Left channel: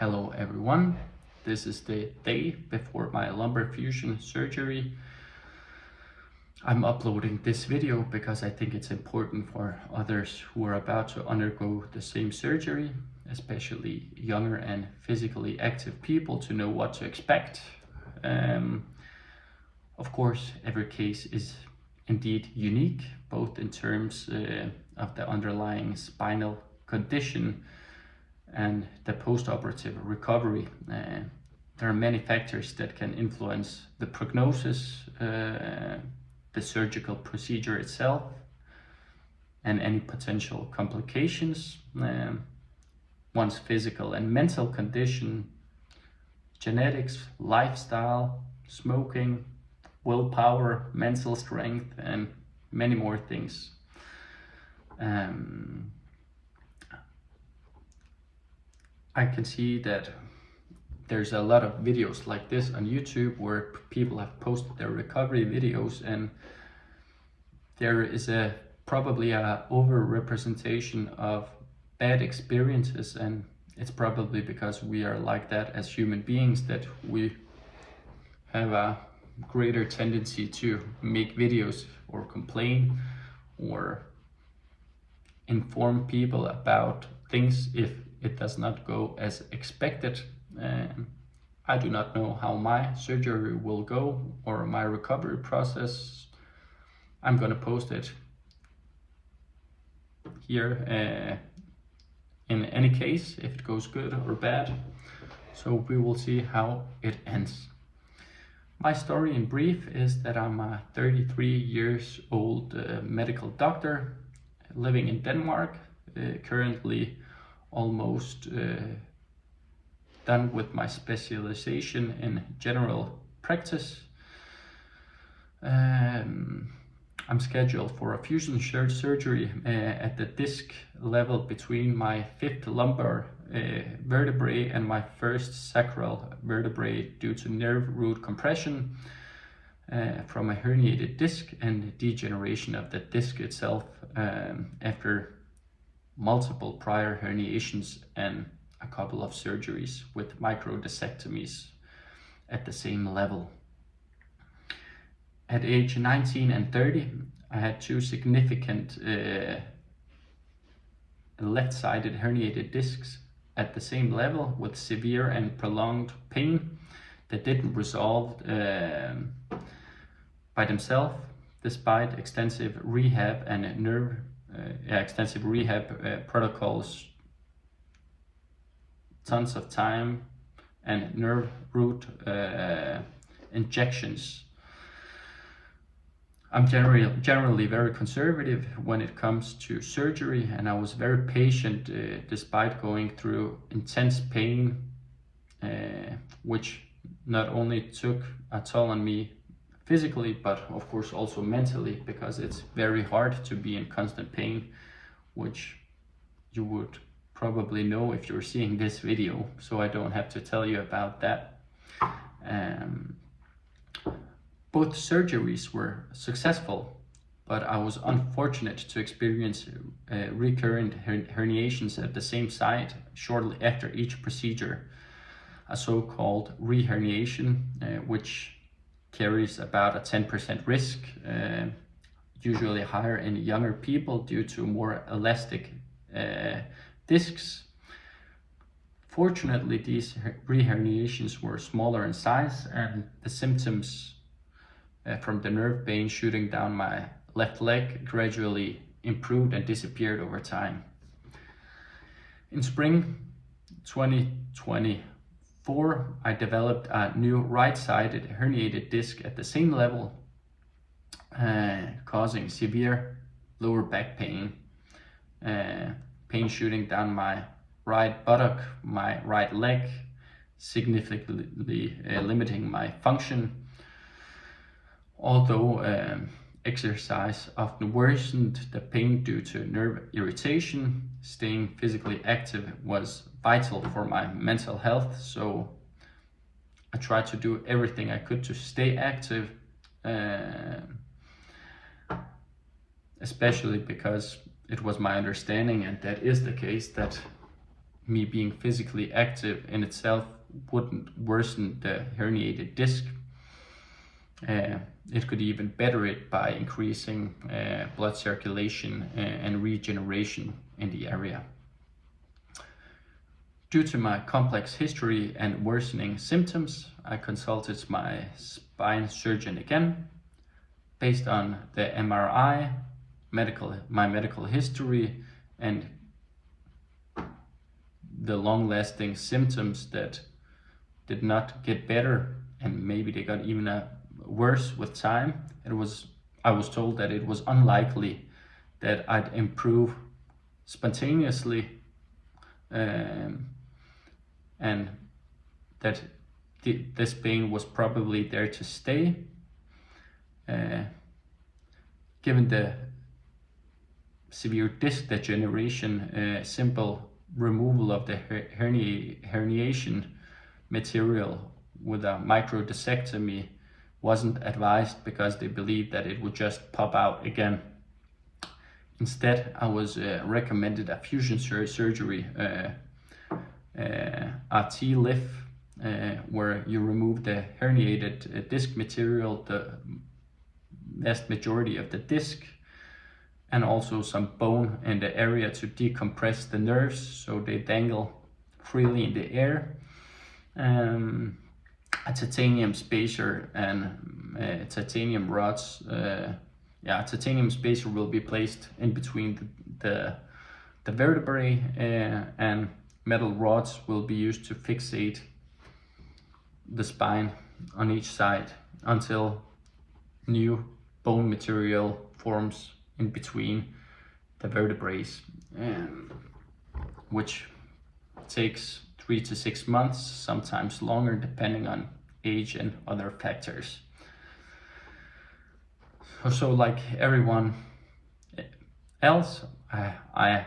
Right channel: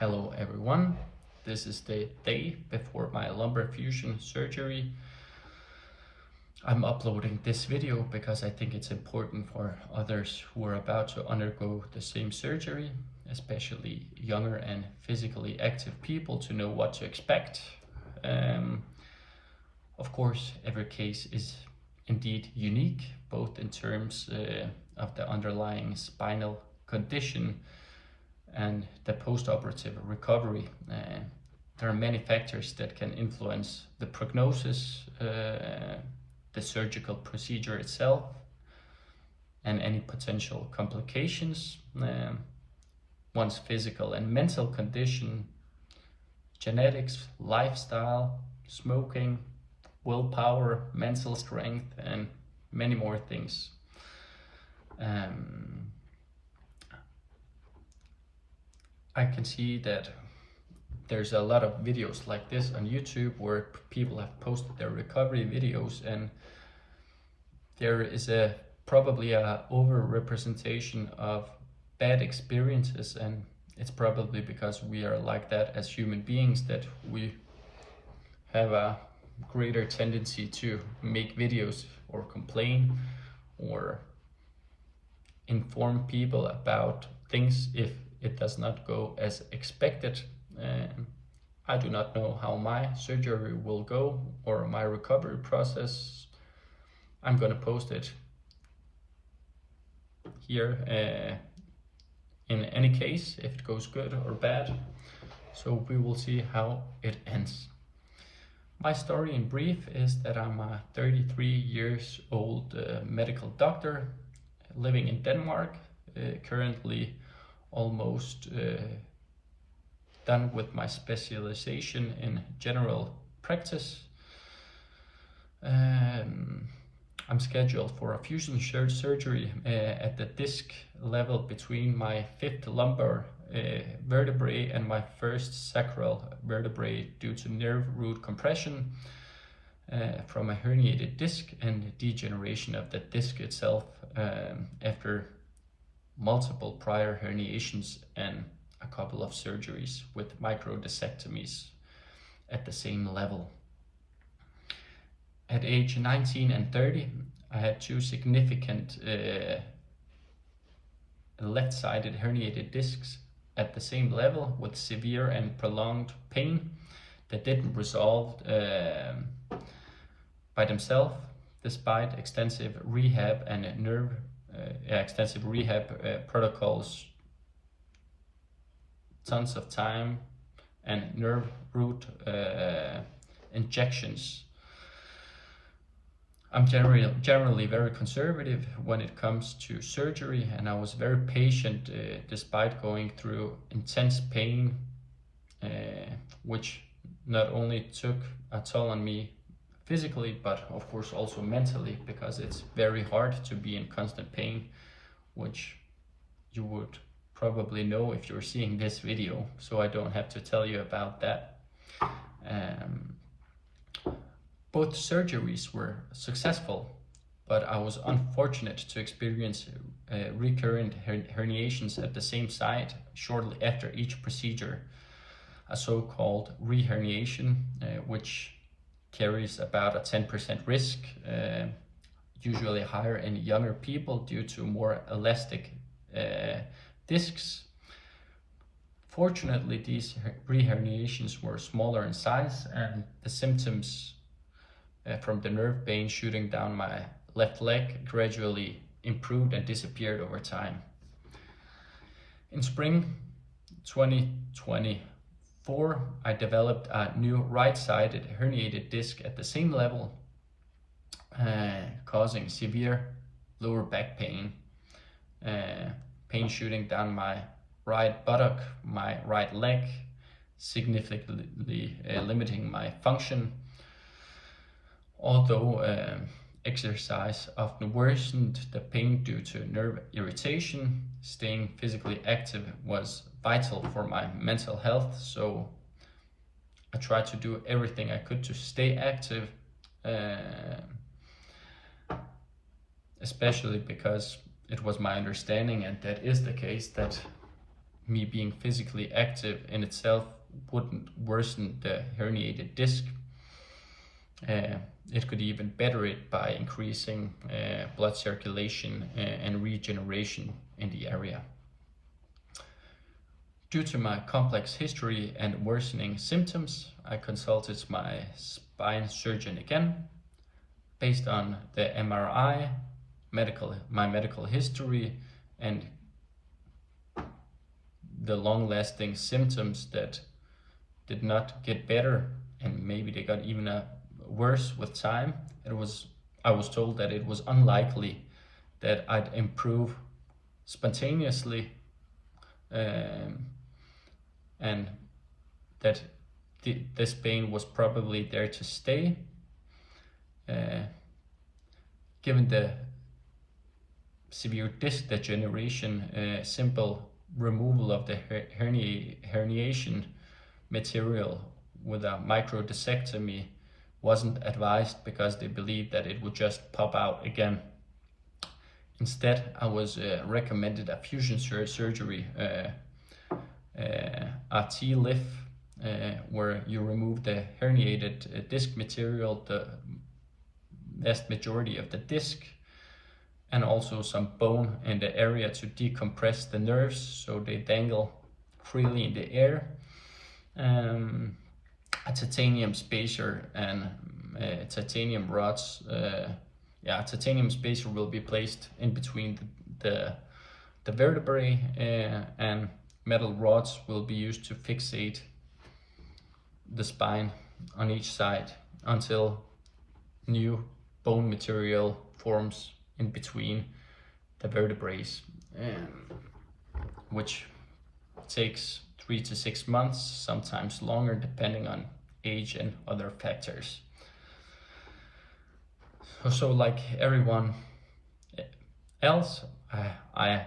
Hello everyone, this is the day before my lumbar fusion surgery. I'm uploading this video because I think it's important for others who are about to undergo the same surgery, especially younger and physically active people, to know what to expect. Of course, every case is indeed unique, both in terms of the underlying spinal condition and the post-operative recovery. There are many factors that can influence the prognosis, the surgical procedure itself, and any potential complications, one's physical and mental condition, genetics, lifestyle, smoking, willpower, mental strength, and many more things. I can see that there's a lot of videos like this on YouTube where people have posted their recovery videos, and there is probably a over-representation of bad experiences, and it's probably because we are like that as human beings that we have a greater tendency to make videos or complain or inform people about things if it does not go as expected. I do not know how my surgery will go or my recovery process. I'm gonna post it here in any case, if it goes good or bad. So we will see how it ends. My story in brief is that I'm a 33 years old medical doctor living in Denmark, currently almost done with my specialization in general practice. I'm scheduled for a fusion surgery at the disc level between my 5th lumbar vertebrae and my 1st sacral vertebrae due to nerve root compression from a herniated disc and degeneration of the disc itself after multiple prior herniations and a couple of surgeries with microdiscectomies at the same level. At age 19 and 30, I had two significant left-sided herniated discs at the same level with severe and prolonged pain that didn't resolve by themselves despite extensive rehab and extensive rehab protocols, tons of time, and nerve root injections. I'm generally very conservative when it comes to surgery, and I was very patient despite going through intense pain, which not only took a toll on me physically, but of course also mentally, because it's very hard to be in constant pain, which you would probably know if you're seeing this video, so I don't have to tell you about that. Both surgeries were successful, but I was unfortunate to experience recurrent herniations at the same site shortly after each procedure, a so-called reherniation, which carries about a 10% risk, usually higher in younger people due to more elastic discs. Fortunately, these reherniations were smaller in size, and the symptoms from the nerve pain shooting down my left leg gradually improved and disappeared over time. In spring 2024, I developed a new right-sided herniated disc at the same level, causing severe lower back pain, pain shooting down my right buttock, my right leg, significantly limiting my function. Although exercise often worsened the pain due to nerve irritation, staying physically active was vital for my mental health, so I tried to do everything I could to stay active, especially because it was my understanding, and that is the case, that me being physically active in itself wouldn't worsen the herniated disc. It could even better it by increasing blood circulation and regeneration in the area. Due to my complex history and worsening symptoms, I consulted my spine surgeon again. Based on the MRI, my medical history, and the long-lasting symptoms that did not get better, and maybe they got even worse with time, I was told that it was unlikely that I'd improve spontaneously, and that this pain was probably there to stay. Given the severe disc degeneration, simple removal of the herniation material with a microdiscectomy wasn't advised because they believed that it would just pop out again. Instead, I was recommended a fusion surgery, a TLIF, where you remove the herniated disc material, the vast majority of the disc, and also some bone in the area to decompress the nerves so they dangle freely in the air. A titanium spacer and titanium rods. Titanium spacer will be placed in between the vertebrae, and metal rods will be used to fixate the spine on each side until new bone material forms in between the vertebrae, which takes 3 to 6 months, sometimes longer, depending on age and other factors. So like everyone else, I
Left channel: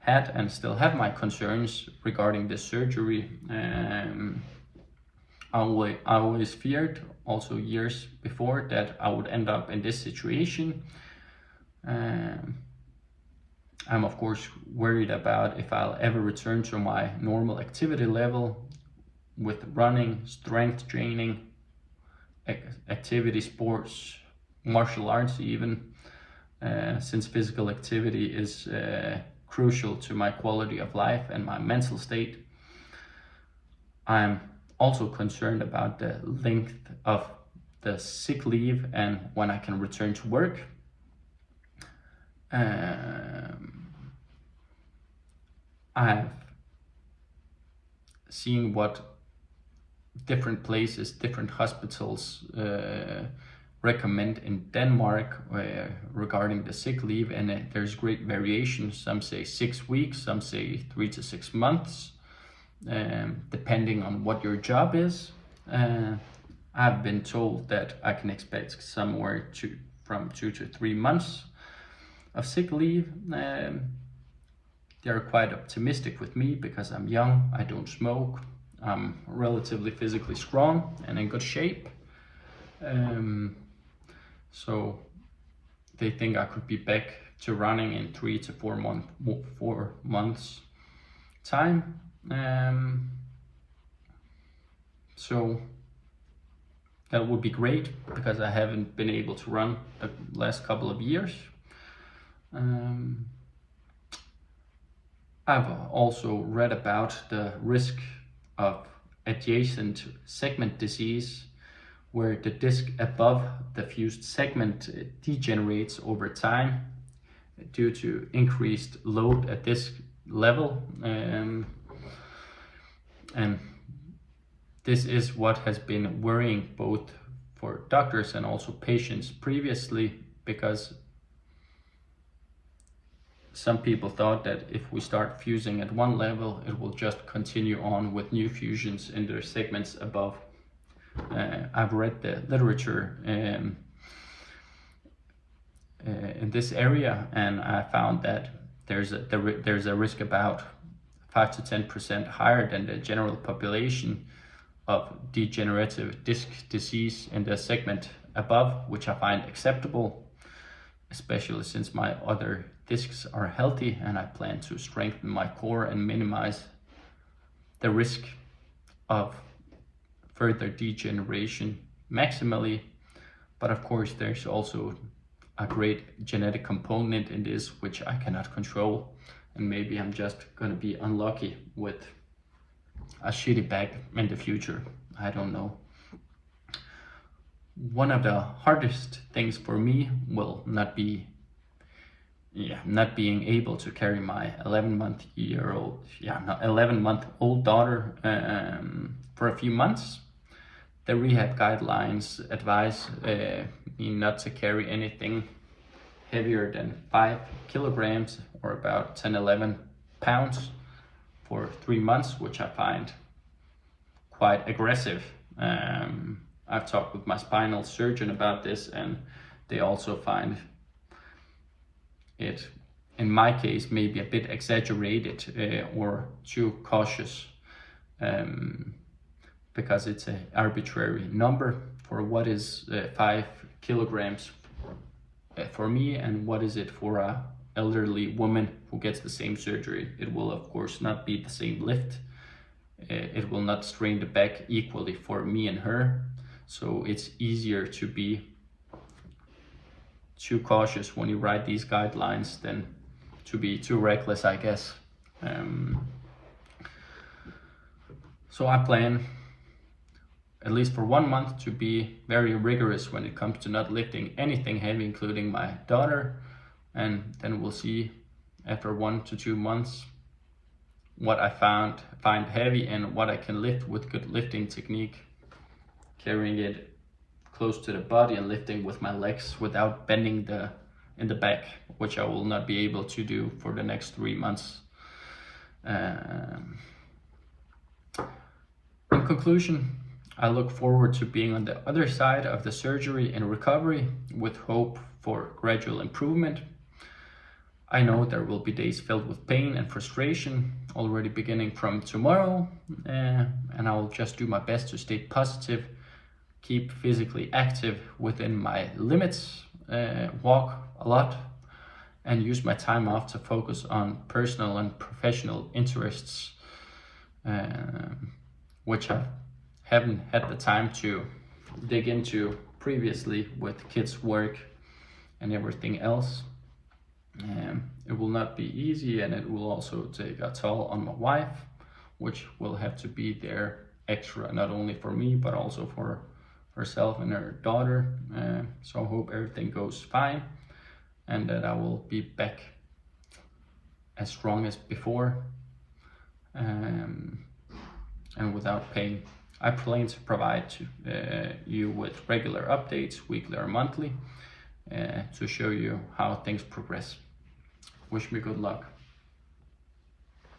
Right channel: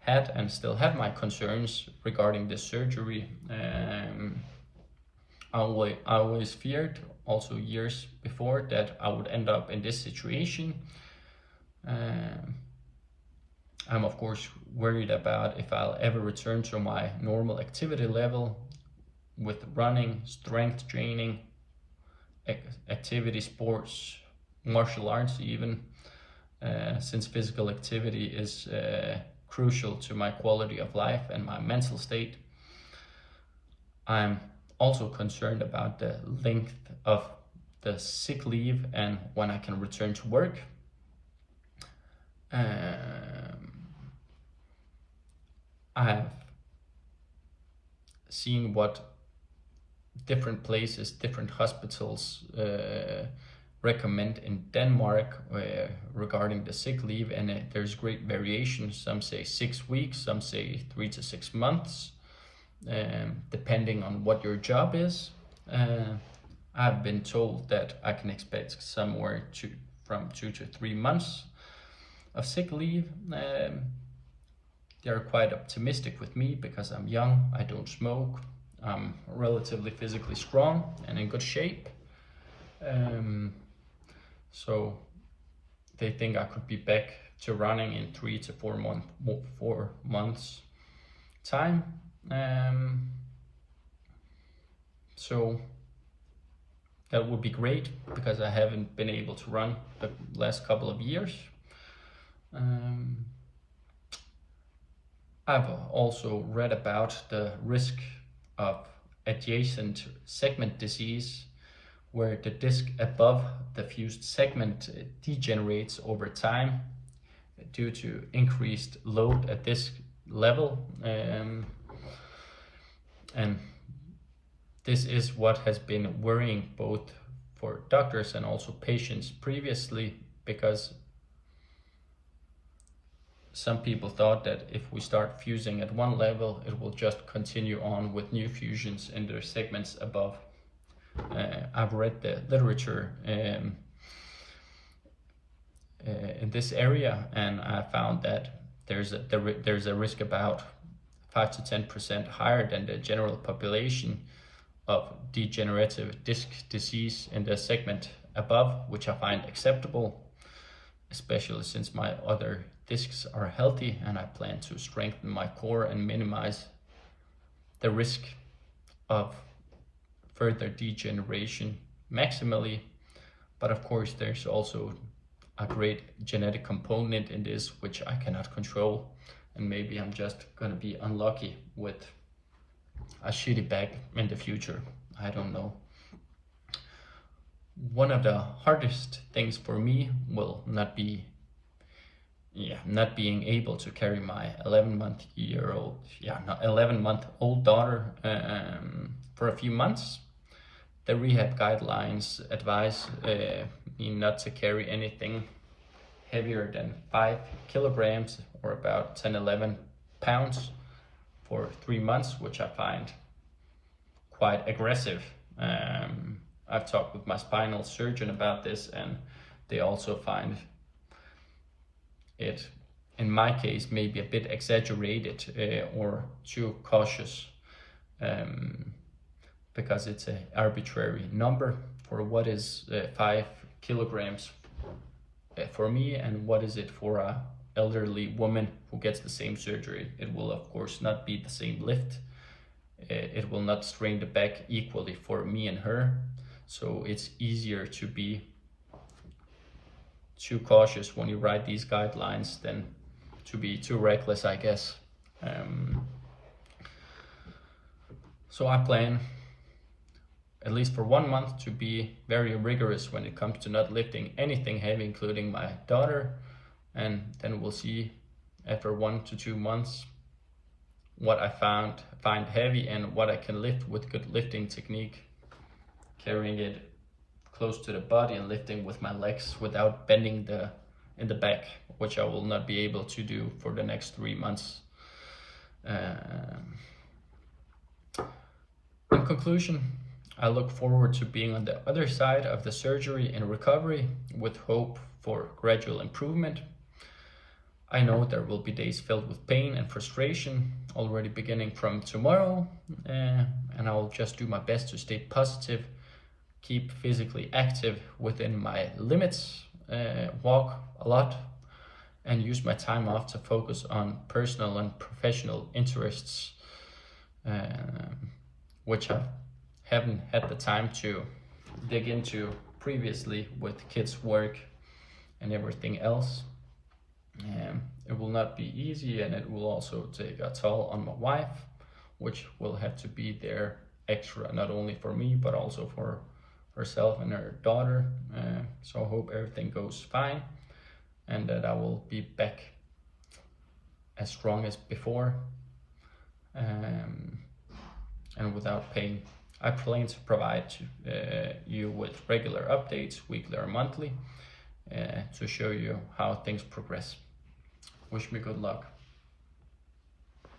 had and still have my concerns regarding the surgery. I always feared, also years before, that I would end up in this situation. I'm of course worried about if I'll ever return to my normal activity level with running, strength training, activity sports, martial arts even, since physical activity is crucial to my quality of life and my mental state. I'm also concerned about the length of the sick leave and when I can return to work. I've seen what different places, different hospitals recommend in Denmark regarding the sick leave, and there's great variation. Some say 6 weeks, some say 3 to 6 months, depending on what your job is. I've been told that I can expect somewhere from 2 to 3 months of sick leave. They're quite optimistic with me because I'm young, I don't smoke, I'm relatively physically strong and in good shape. So they think I could be back to running in 3 to 4 months time. So that would be great because I haven't been able to run the last couple of years. I've also read about the risk of adjacent segment disease, where the disc above the fused segment degenerates over time due to increased load at disc level. And this is what has been worrying both for doctors and also patients previously, because some people thought that if we start fusing at one level, it will just continue on with new fusions in their segments above. I've read the literature in this area, and I found that there's a risk about 5 to 10% higher than the general population of degenerative disc disease in the segment above, which I find acceptable, especially since my other discs are healthy and I plan to strengthen my core and minimize the risk of further degeneration maximally. But of course, there's also a great genetic component in this, which I cannot control. And maybe I'm just going to be unlucky with a shitty back in the future. I don't know. One of the hardest things for me will not be not being able to carry my 11-month-old daughter for a few months. The rehab guidelines advise me not to carry anything heavier than 5 kilograms or about 10-11 pounds for 3 months, which I find quite aggressive. I've talked with my spinal surgeon about this, and they also find it, in my case, maybe a bit exaggerated or too cautious, because it's an arbitrary number for what is 5 kilograms for me and what is it for a elderly woman who gets the same surgery. It will of course not be the same lift. It will not strain the back equally for me and her. So it's easier to be too cautious when you write these guidelines than to be too reckless, I guess. So I plan, at least for 1 month, to be very rigorous when it comes to not lifting anything heavy, including my daughter. And then we'll see after 1 to 2 months what I find heavy and what I can lift with good lifting technique, carrying it close to the body and lifting with my legs without bending in the back, which I will not be able to do for the next 3 months. In conclusion, I look forward to being on the other side of the surgery and recovery with hope for gradual improvement. I know there will be days filled with pain and frustration already beginning from tomorrow, and I will just do my best to stay positive, keep physically active within my limits, walk a lot, and use my time off to focus on personal and professional interests, which I haven't had the time to dig into previously with kids' work and everything else. It will not be easy, and it will also take a toll on my wife, which will have to be there extra, not only for me, but also for herself and her daughter. So I hope everything goes fine and that I will be back as strong as before, and without pain. I plan to provide you with regular updates, weekly or monthly, to show you how things progress. Wish me good luck.